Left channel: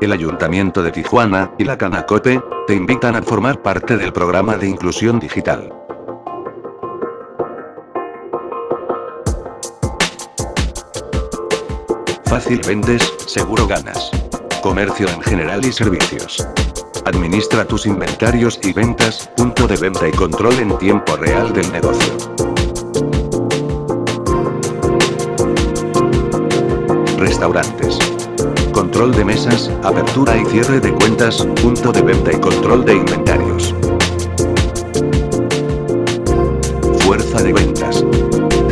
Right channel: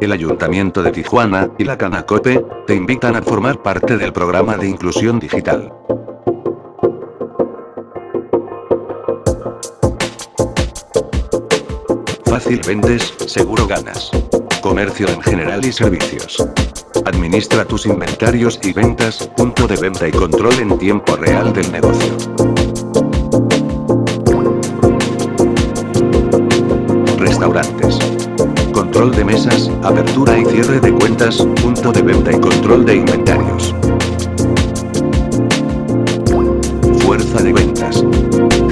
El Ayuntamiento de Tijuana y la Canacope te invitan a formar parte del programa de inclusión digital. Fácil vendes, seguro ganas. Comercio en general y servicios. Administra tus inventarios y ventas, punto de venta y control en tiempo real del negocio. Restaurantes. Control de mesas, apertura y cierre de cuentas, punto de venta y control de inventarios. Fuerza de ventas.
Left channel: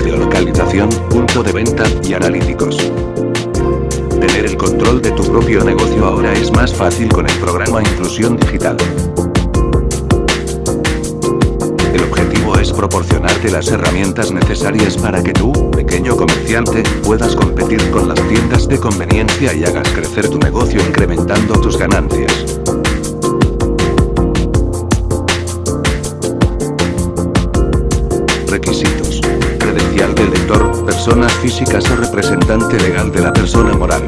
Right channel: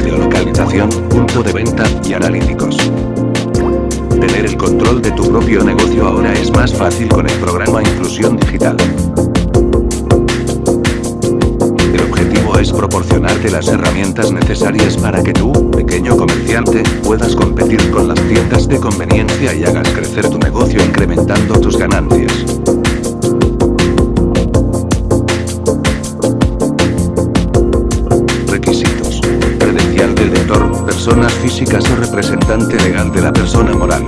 Geolocalización, punto de venta y analíticos. Tener el control de tu propio negocio ahora es más fácil con el programa Inclusión Digital. El objetivo es proporcionarte las herramientas necesarias para que tú, pequeño comerciante, puedas competir con las tiendas de conveniencia y hagas crecer tu negocio incrementando tus ganancias. Requisitos. Credencial del lector, personas físicas o representante legal de la persona moral.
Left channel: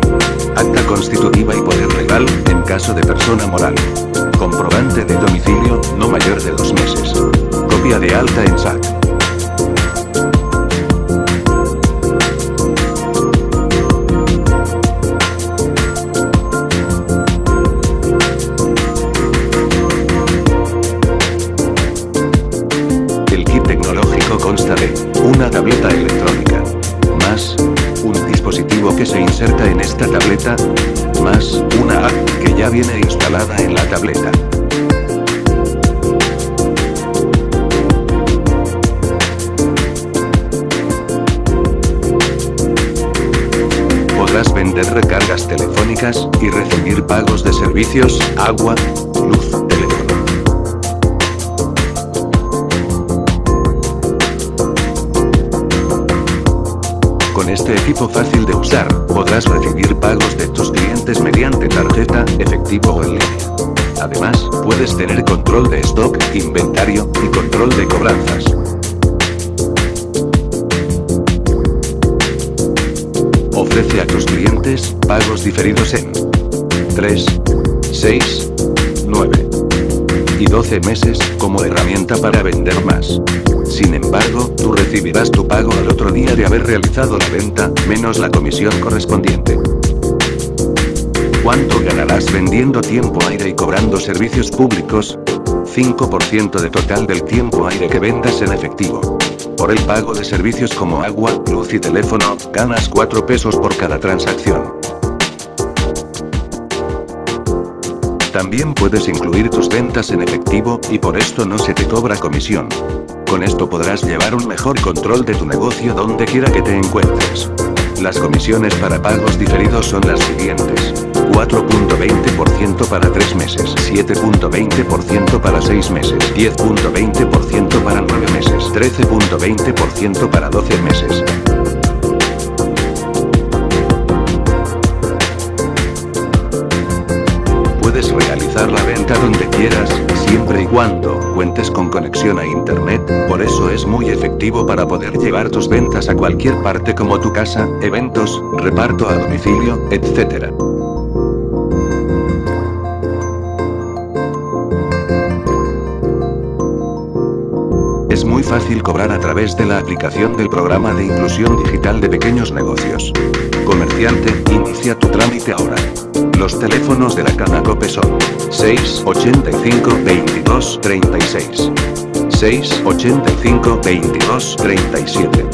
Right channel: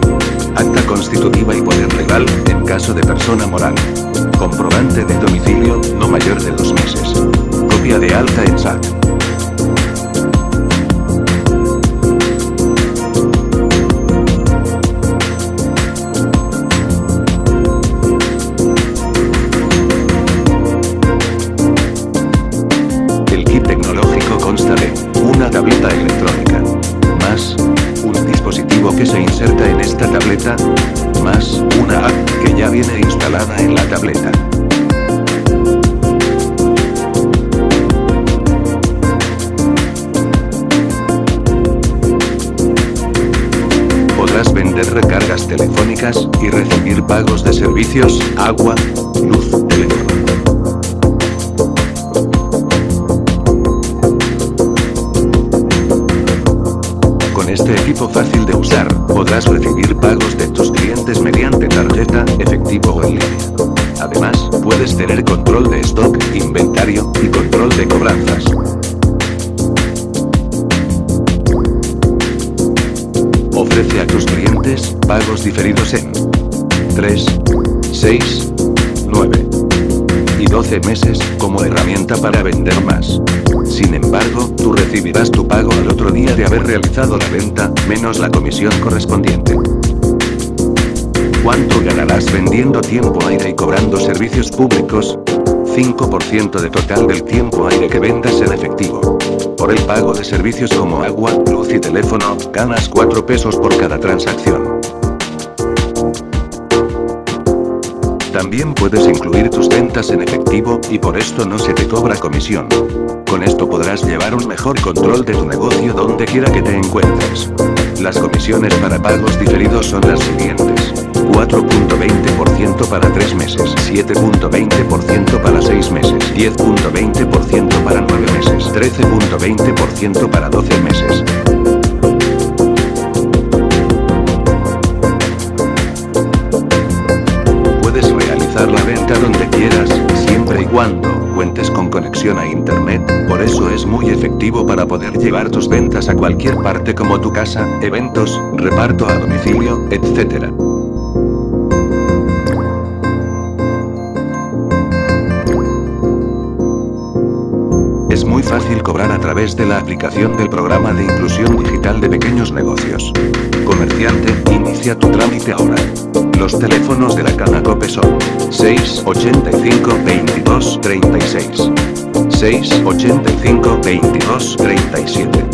Acta constitutiva y poder legal, en caso de persona moral. Comprobante de domicilio, no mayor de 2 meses. Copia de alta en SAT. El kit tecnológico consta de una tableta electrónica, más un dispositivo que se inserta en esta tableta, más una app que ya viene instalada en la tableta. Podrás vender recargas telefónicas y recibir pagos de servicios, agua, luz, teléfono. Con este equipo fácil de usar, podrás recibir pagos de tus clientes mediante tarjeta, efectivo o en línea. Además, puedes tener control de stock, inventario y control de cobranzas. Ofrece a tus clientes pagos diferidos en 3, 6, 9 y 12 meses como herramienta para vender más. Sin embargo, tú recibirás tu pago al otro día de haber realizado la venta, menos la comisión correspondiente. ¿Cuánto ganarás vendiendo tiempo aire y cobrando servicios públicos? 5% de total del tiempo aire que vendas en efectivo. Por el pago de servicios como agua, luz y teléfono, ganas 4 pesos por cada transacción. También puedes incluir tus ventas en efectivo, y por esto no se te cobra comisión. Con esto podrás llevar un mejor control de tu negocio donde quiera que te encuentres. Las comisiones para pagos diferidos son las siguientes: 4.20% para 3 meses, 7.20% para 6 meses, 10.20% para 9 meses, 13.20% para 12 meses. Puedes realizar la venta donde quieras, siempre y cuando cuentes con conexión a internet, por eso es muy efectivo para poder llevar tus ventas a cualquier parte como tu casa, eventos, reparto a domicilio, etc. Es muy fácil cobrar a través de la aplicación del programa de inclusión digital de pequeños negocios. Comerciante, inicia tu trámite ahora. Los teléfonos de la Canacope son 685 22 36, 685 22 37.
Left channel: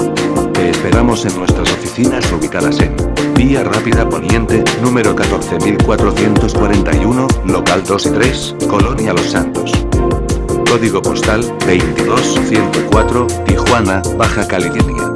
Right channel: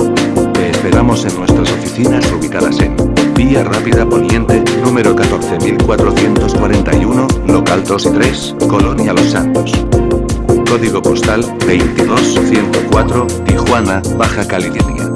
Te esperamos en nuestras oficinas ubicadas en Vía Rápida Poniente, número 14441, local 2 y 3, Colonia Los Santos. Código postal 22104, Tijuana, Baja California.